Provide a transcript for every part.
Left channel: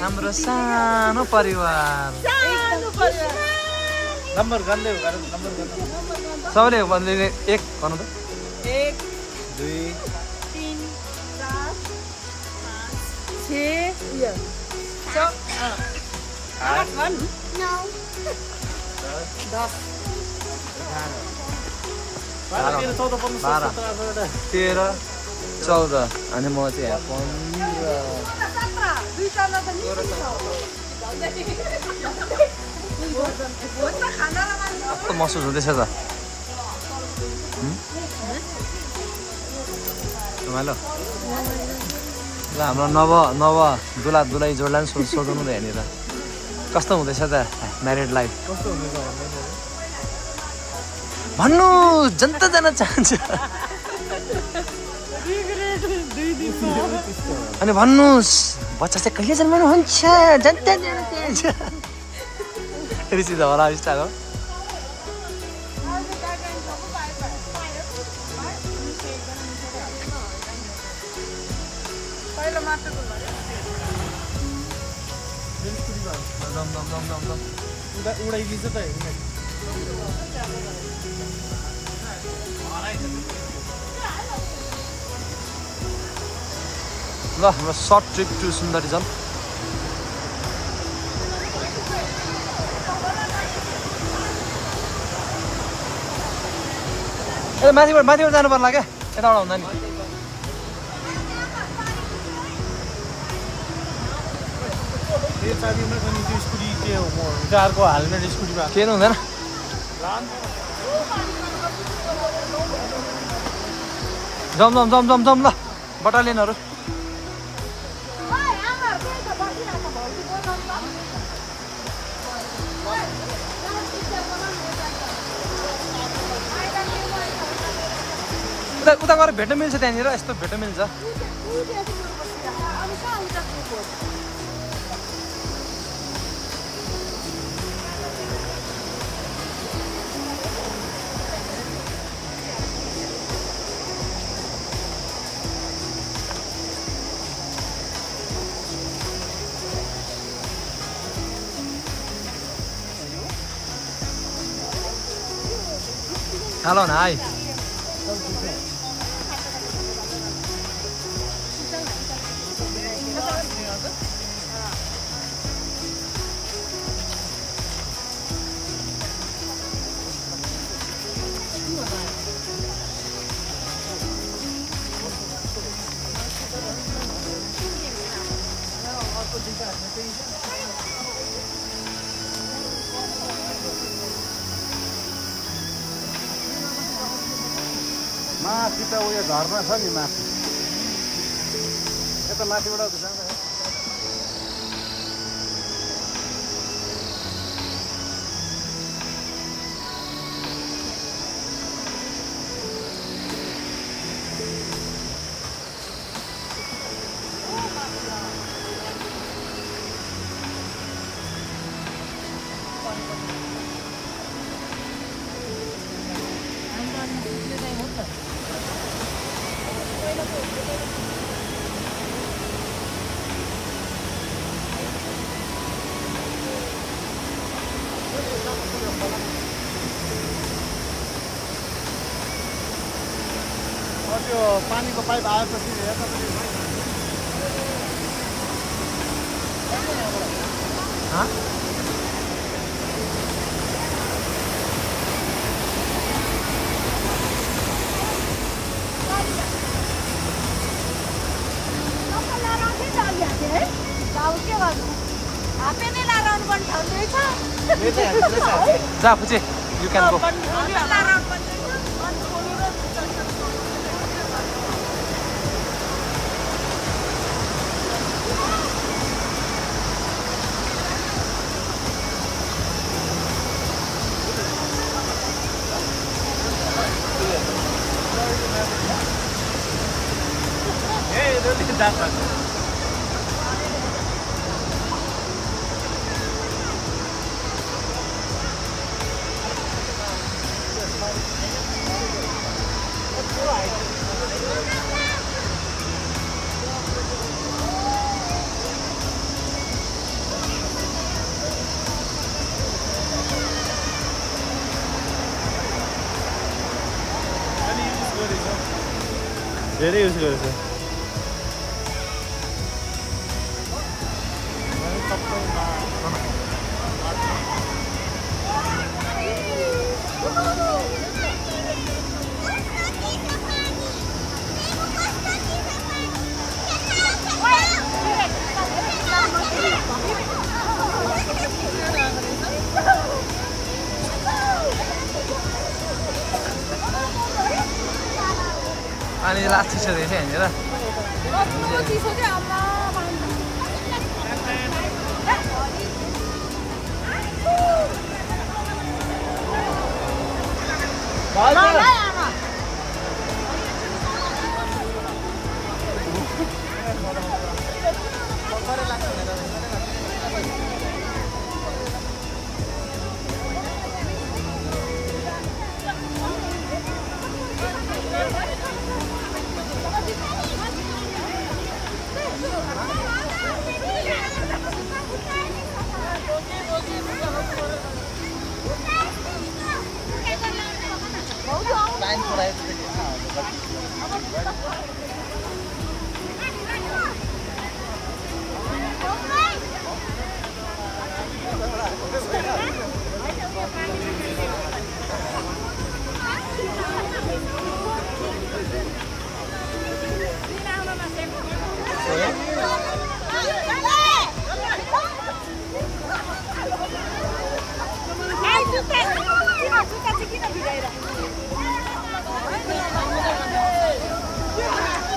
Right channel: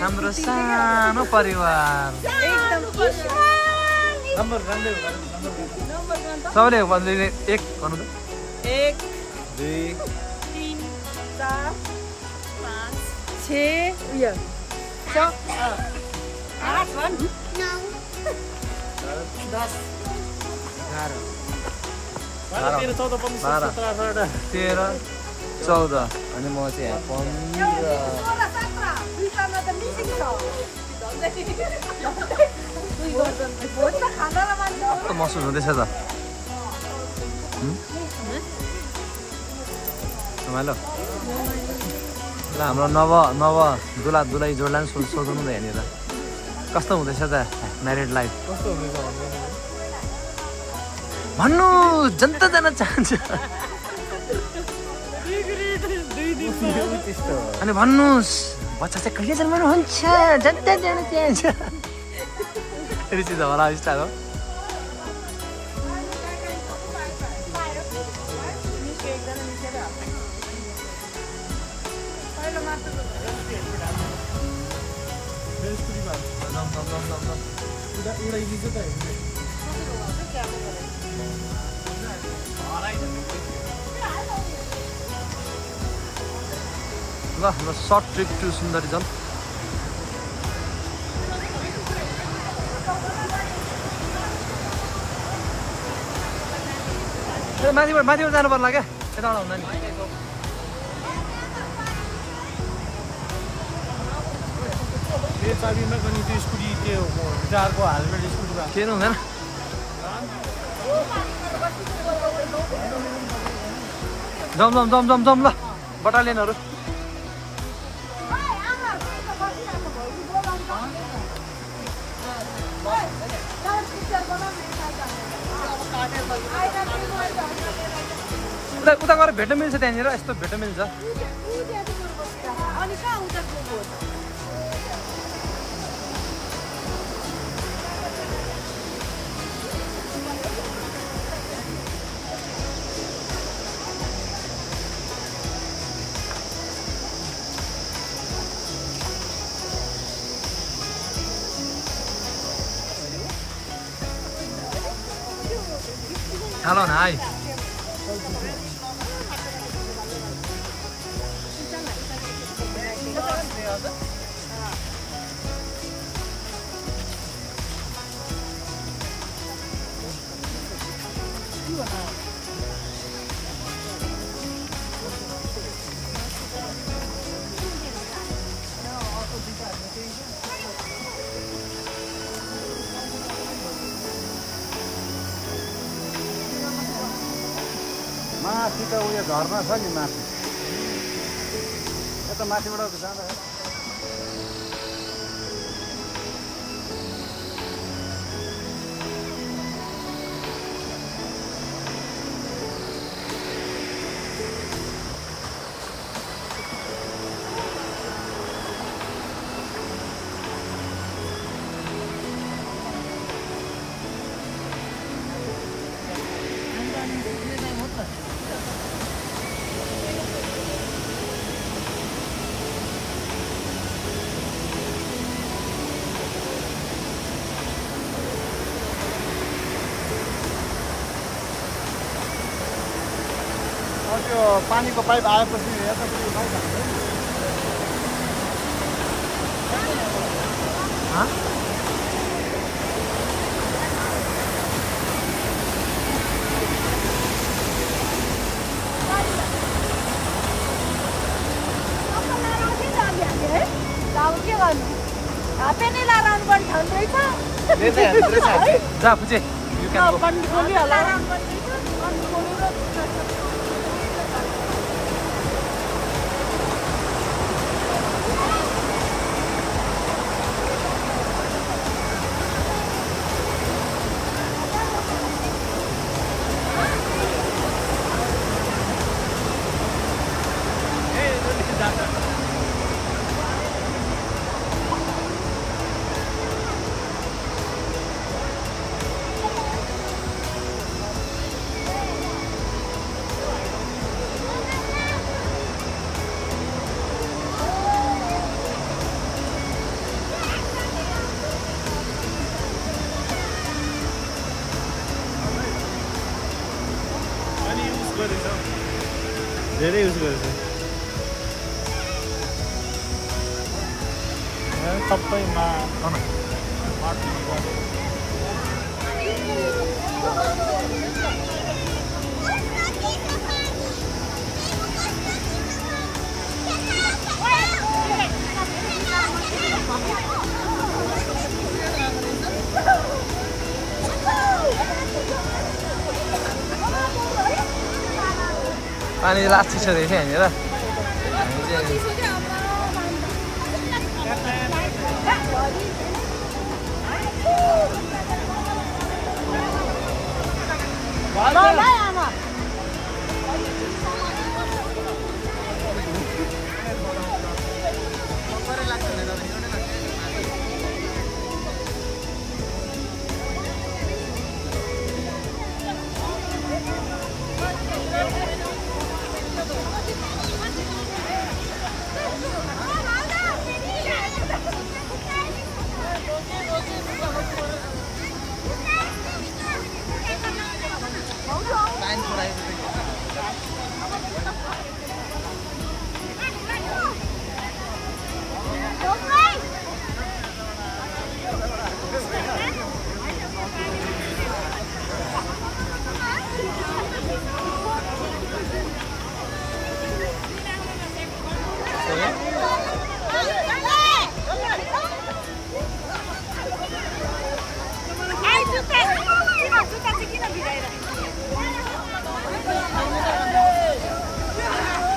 हाम्रो सानो परिवार सबैले भन्दै एक गर्नु त 1 2 3 4 5 6 8 भन् 9 10 11 13 14 अनि म चाहिँ यहाँ 15 कस्तो महसुस हुँदैछ त रमाइलो ल हाम्रो नव दुलै जोडलाई पनि सोधौँ न यहाँनिर कस्तो हुँदैछ त म्यारिड लाइफ कस्तो हुँदैछ भन्नु जनता जान चाहन्छ अनि भन्नुहोस् बच्चा चाहिँ कहिले जन्माउनुहुन्छ जनता जान चाहन्छ रिसिज होला स्टार हो उडाइदिन्छ त ल हाम्रो सर्ट ट्रिप टु सुन्दरीजन माथिबाट जानु पर्ला क्या यताबाट हुँदा नि चाबीमा पनि त्यो स्कुटी के हो म कारको हेलमेट स्कुटीमा केही हुँदैन जम ल बटालियनहरू उता गएर भेट्न मिल्छ त्यहाँनिर यस्तो भेट्न मिल्छ Hello, này. माथि त उयो झर्ना छ नि माथि यता माथिबाट जाँदा त्यो पानीको पाइप आएपछि जा फुचे यु क्यान गो धेरै युज गरेछ पानी लास्टी छ रहेछ यहाँनिर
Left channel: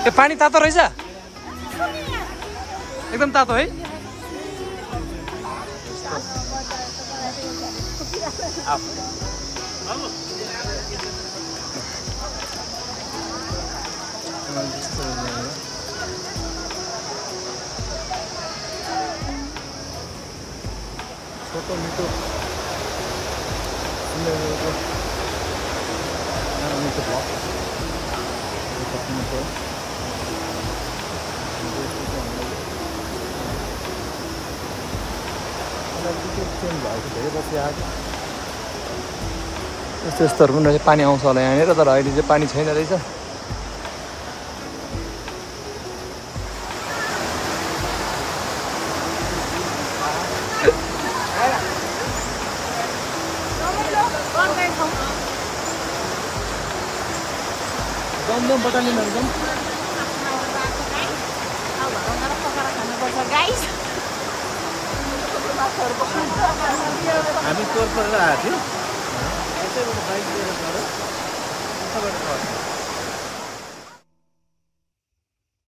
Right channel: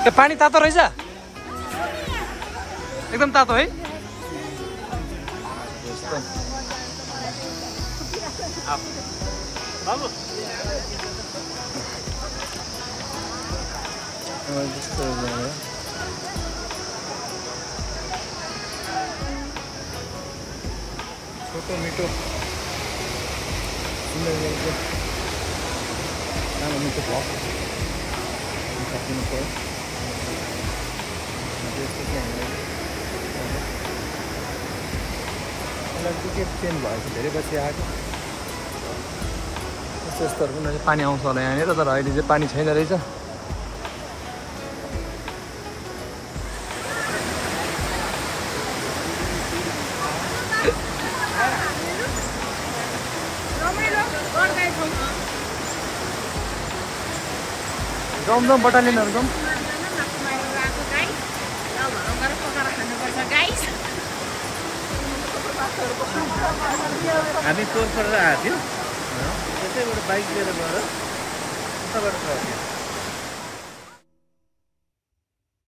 ए पानी तातो रहेछ एकदम तातो है छोटो मिठो सानो मिठो ब्लग सकिनु पर्यो टिकट चेन्ज भएको धेरै पछि आएको यस्तो यस्तोहरू पनि पानी आउँछ होला यहाँनिर तर अहिले चाहिँ पानी छैन रहेछ जाउँ बटालियनहरू जाउँ हामी टोर परेर आएको थियौँ त्यसैबाट बाइक लिएर गएर उताबाट